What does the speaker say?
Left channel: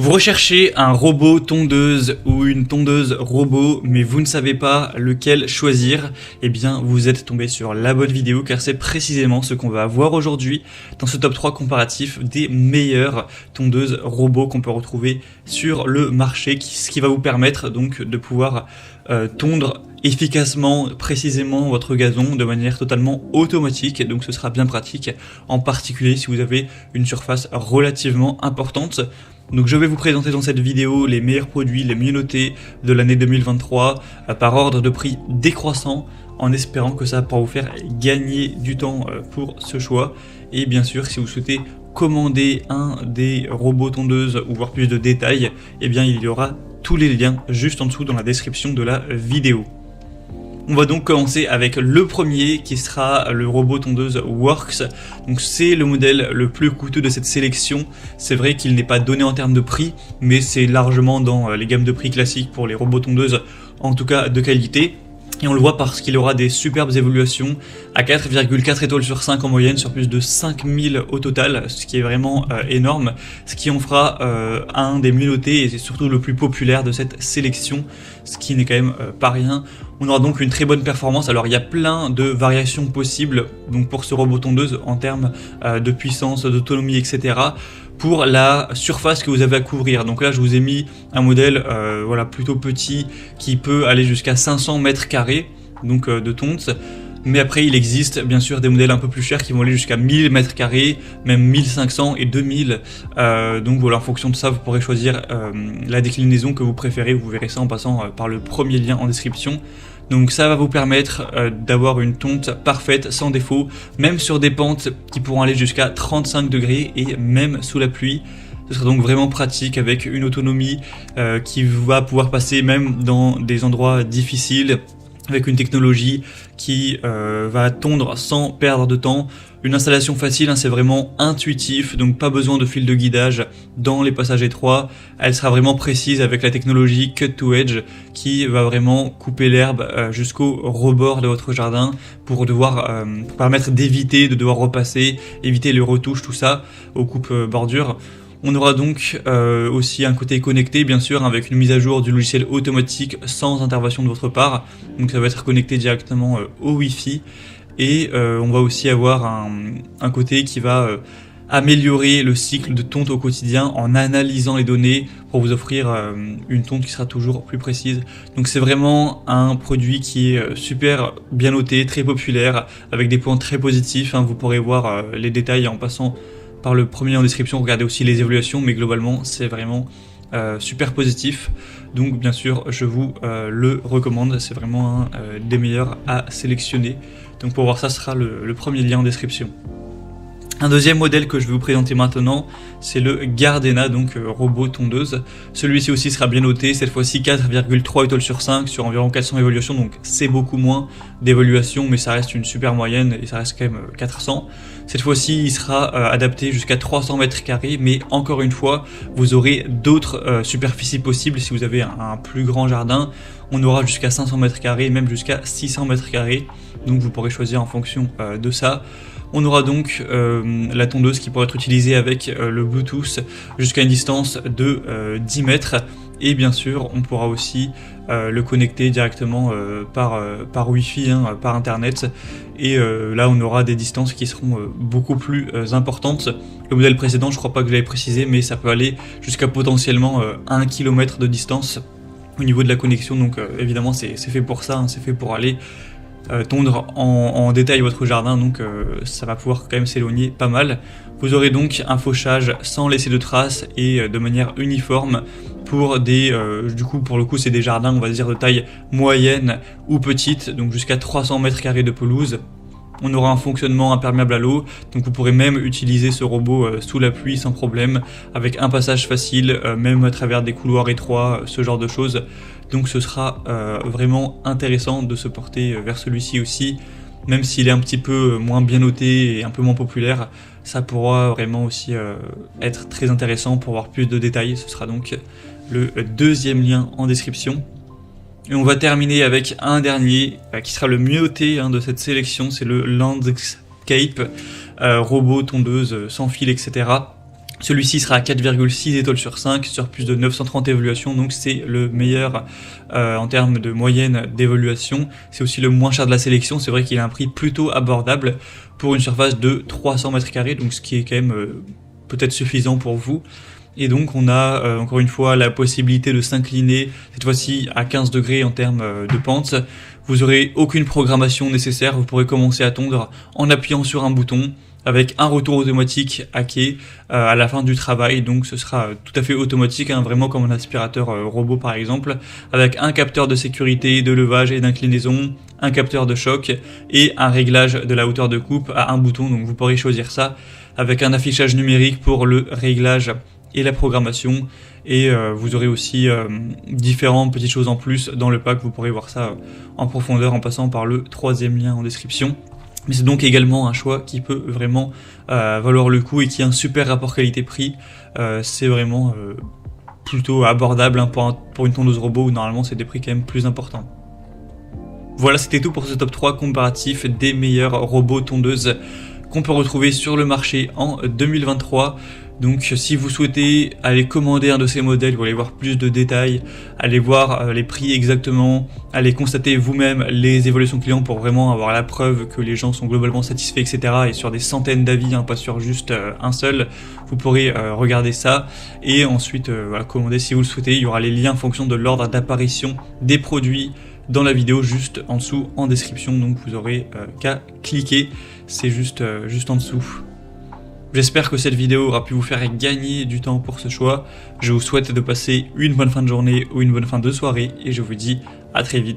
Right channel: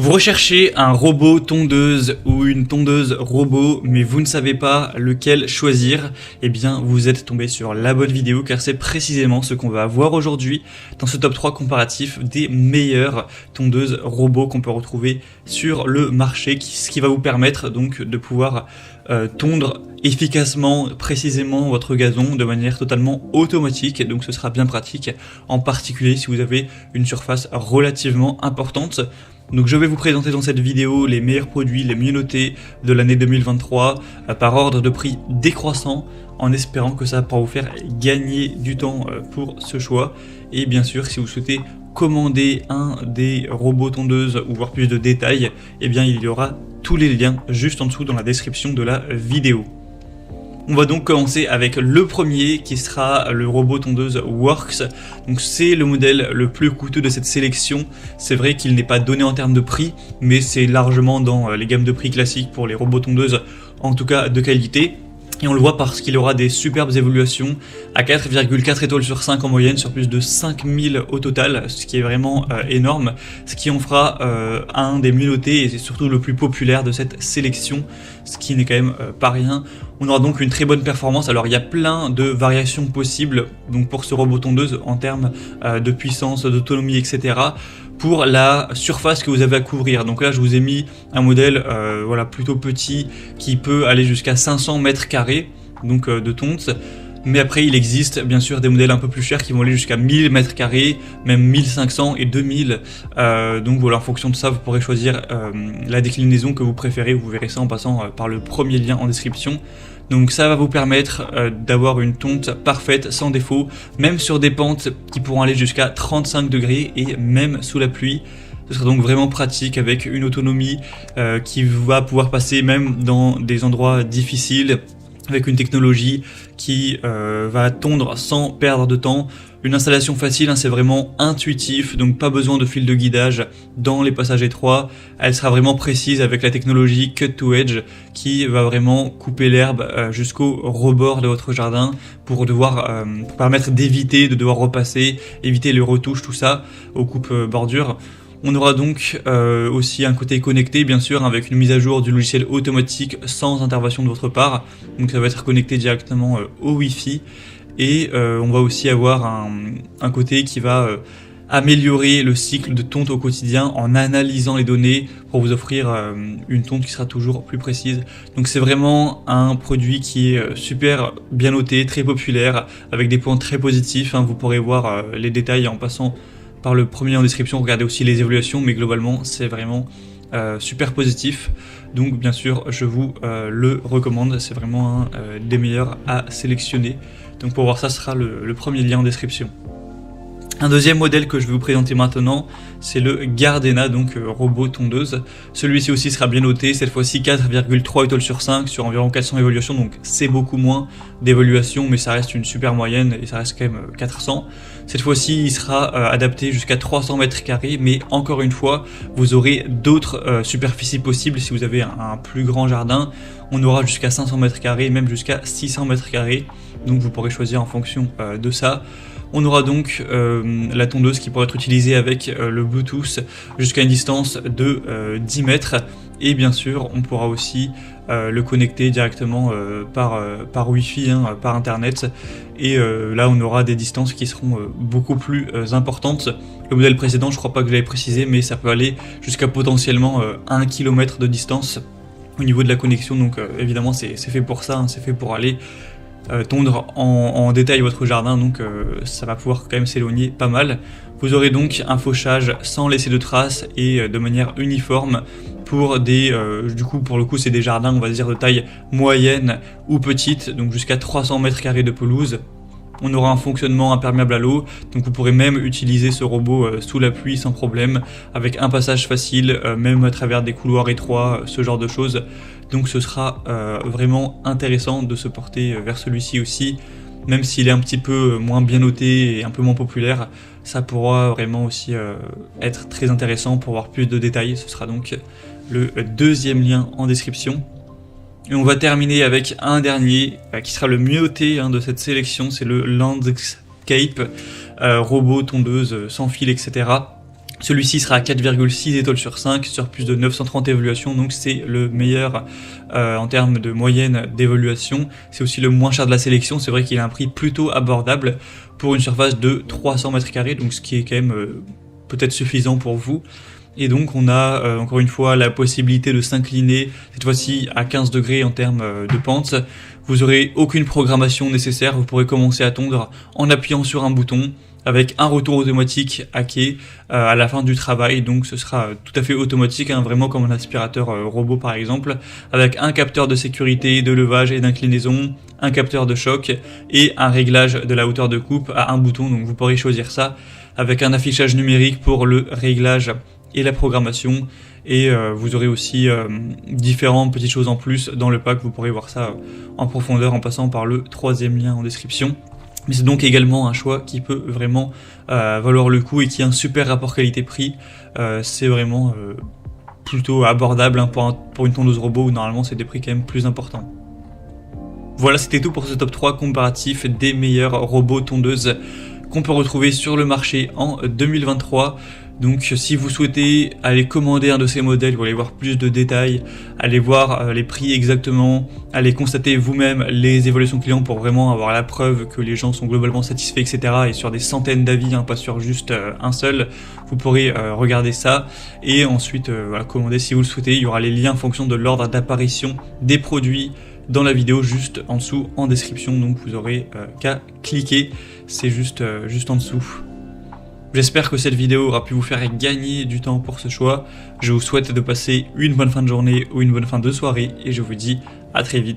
Vous recherchez un robot tondeuse ou une tondeuse robot, mais vous ne savez pas lequel choisir, eh bien vous êtes tombé sur la bonne vidéo car c'est précisément ce qu'on va voir aujourd'hui dans ce top 3 comparatif des meilleures tondeuses robots qu'on peut retrouver sur le marché, ce qui va vous permettre donc de pouvoir tondre efficacement, précisément votre gazon de manière totalement automatique, donc ce sera bien pratique, en particulier si vous avez une surface relativement importante. Donc je vais vous présenter dans cette vidéo les meilleurs produits, les mieux notés de l'année 2023 par ordre de prix décroissant, en espérant que ça pourra vous faire gagner du temps pour ce choix. Et bien sûr, si vous souhaitez commander un des robots tondeuses ou voir plus de détails, eh bien il y aura tous les liens juste en dessous dans la description de la vidéo. On va donc commencer avec le premier qui sera le robot tondeuse Worx. Donc c'est le modèle le plus coûteux de cette sélection. C'est vrai qu'il n'est pas donné en termes de prix, mais c'est largement dans les gammes de prix classiques pour les robots tondeuses, en tout cas de qualité. Et on le voit parce qu'il aura des superbes évolutions à 4,4 étoiles sur 5 en moyenne sur plus de 5000 au total, ce qui est vraiment énorme, ce qui en fera un des mieux notés et c'est surtout le plus populaire de cette sélection, ce qui n'est quand même pas rien. On aura donc une très bonne performance. Alors il y a plein de variations possibles donc pour ce robot tondeuse en termes de puissance, d'autonomie, etc. pour la surface que vous avez à couvrir. Donc là, je vous ai mis un modèle voilà, plutôt petit qui peut aller jusqu'à 500 mètres carrés donc de tonte. Mais après, il existe bien sûr des modèles un peu plus chers qui vont aller jusqu'à 1000 mètres carrés, même 1500 et 2000. Donc voilà, en fonction de ça, vous pourrez choisir la déclinaison que vous préférez. Vous verrez ça en passant par le premier lien en description. Donc ça va vous permettre d'avoir une tonte parfaite, sans défaut, même sur des pentes qui pourront aller jusqu'à 35 degrés et même sous la pluie. Ce sera donc vraiment pratique avec une autonomie qui va pouvoir passer même dans des endroits difficiles, avec une technologie qui va tondre sans perdre de temps. Une installation facile, hein, c'est vraiment intuitif, donc pas besoin de fil de guidage dans les passages étroits. Elle sera vraiment précise avec la technologie Cut to Edge qui va vraiment couper l'herbe jusqu'au rebord de votre jardin pour permettre d'éviter de devoir repasser, éviter les retouches, tout ça, aux coupes bordures. On aura donc aussi un côté connecté, bien sûr, avec une mise à jour du logiciel automatique sans intervention de votre part. Donc ça va être connecté directement au Wi-Fi. Et on va aussi avoir un côté qui va améliorer le cycle de tonte au quotidien en analysant les données pour vous offrir une tonte qui sera toujours plus précise. Donc c'est vraiment un produit qui est super bien noté, très populaire, avec des points très positifs. Hein. Vous pourrez voir les détails en passant par le premier en description, regardez aussi les évaluations, mais globalement c'est vraiment super positif. Donc bien sûr je vous le recommande, c'est vraiment un des meilleurs à sélectionner. Donc pour voir ça, ce sera le premier lien en description. Un deuxième modèle que je vais vous présenter maintenant, c'est le Gardena, donc robot tondeuse. Celui-ci aussi sera bien noté, cette fois-ci 4,3 étoiles sur 5 sur environ 400 évaluations, donc c'est beaucoup moins d'évaluations, mais ça reste une super moyenne et ça reste quand même 400. Cette fois-ci, il sera adapté jusqu'à 300 mètres carrés, mais encore une fois, vous aurez d'autres superficies possibles si vous avez un plus grand jardin. On aura jusqu'à 500 mètres carrés, même jusqu'à 600 mètres carrés. Donc vous pourrez choisir en fonction de ça. On aura donc la tondeuse qui pourra être utilisée avec le Bluetooth jusqu'à une distance de 10 mètres. Et bien sûr, on pourra aussi le connecter directement par Wi-Fi, hein, par Internet. Et là, on aura des distances qui seront beaucoup plus importantes. Le modèle précédent, je crois pas que je l'avais précisé, mais ça peut aller jusqu'à potentiellement 1 km de distance au niveau de la connexion. Donc évidemment, c'est fait pour ça, hein, c'est fait pour aller tondre en détail votre jardin, donc ça va pouvoir quand même s'éloigner pas mal. Vous aurez donc un fauchage sans laisser de traces et de manière uniforme pour pour le coup c'est des jardins, on va dire de taille moyenne ou petite, donc jusqu'à 300 mètres carrés de pelouse. On aura un fonctionnement imperméable à l'eau, donc vous pourrez même utiliser ce robot sous la pluie sans problème, avec un passage facile, même à travers des couloirs étroits, ce genre de choses. Donc ce sera vraiment intéressant de se porter vers celui-ci aussi, même s'il est un petit peu moins bien noté et un peu moins populaire. Ça pourra vraiment aussi être très intéressant pour voir plus de détails. Ce sera donc le deuxième lien en description. Et on va terminer avec un dernier qui sera le mieux noté de cette sélection, c'est le Landscape robot tondeuse sans fil, etc. Celui-ci sera à 4,6 étoiles sur 5 sur plus de 930 évaluations, donc c'est le meilleur en termes de moyenne d'évaluation. C'est aussi le moins cher de la sélection, c'est vrai qu'il a un prix plutôt abordable pour une surface de 300 mètres carrés, donc ce qui est quand même peut-être suffisant pour vous. Et donc on a encore une fois la possibilité de s'incliner, cette fois-ci à 15 degrés en termes de pente. Vous aurez aucune programmation nécessaire, vous pourrez commencer à tondre en appuyant sur un bouton, avec un retour automatique à quai à la fin du travail, donc ce sera tout à fait automatique, hein, vraiment comme un aspirateur robot par exemple, avec un capteur de sécurité, de levage et d'inclinaison, un capteur de choc et un réglage de la hauteur de coupe à un bouton, donc vous pourrez choisir ça avec un affichage numérique pour le réglage et la programmation, et vous aurez aussi différentes petites choses en plus dans le pack, vous pourrez voir ça en profondeur en passant par le troisième lien en description. Mais c'est donc également un choix qui peut vraiment valoir le coup et qui a un super rapport qualité-prix. C'est vraiment plutôt abordable hein, pour une tondeuse robot où normalement c'est des prix quand même plus importants. Voilà, c'était tout pour ce top 3 comparatif des meilleurs robots tondeuses qu'on peut retrouver sur le marché en 2023. Donc si vous souhaitez aller commander un de ces modèles, vous allez voir plus de détails, allez voir les prix exactement, allez constater vous-même les évolutions clients pour vraiment avoir la preuve que les gens sont globalement satisfaits, etc. Et sur des centaines d'avis, hein, pas sur juste un seul, vous pourrez regarder ça et ensuite voilà, commander si vous le souhaitez. Il y aura les liens en fonction de l'ordre d'apparition des produits dans la vidéo juste en dessous en description, donc vous aurez qu'à cliquer, c'est juste en dessous. J'espère que cette vidéo aura pu vous faire gagner du temps pour ce choix. Je vous souhaite de passer une bonne fin de journée ou une bonne fin de soirée et je vous dis à très vite.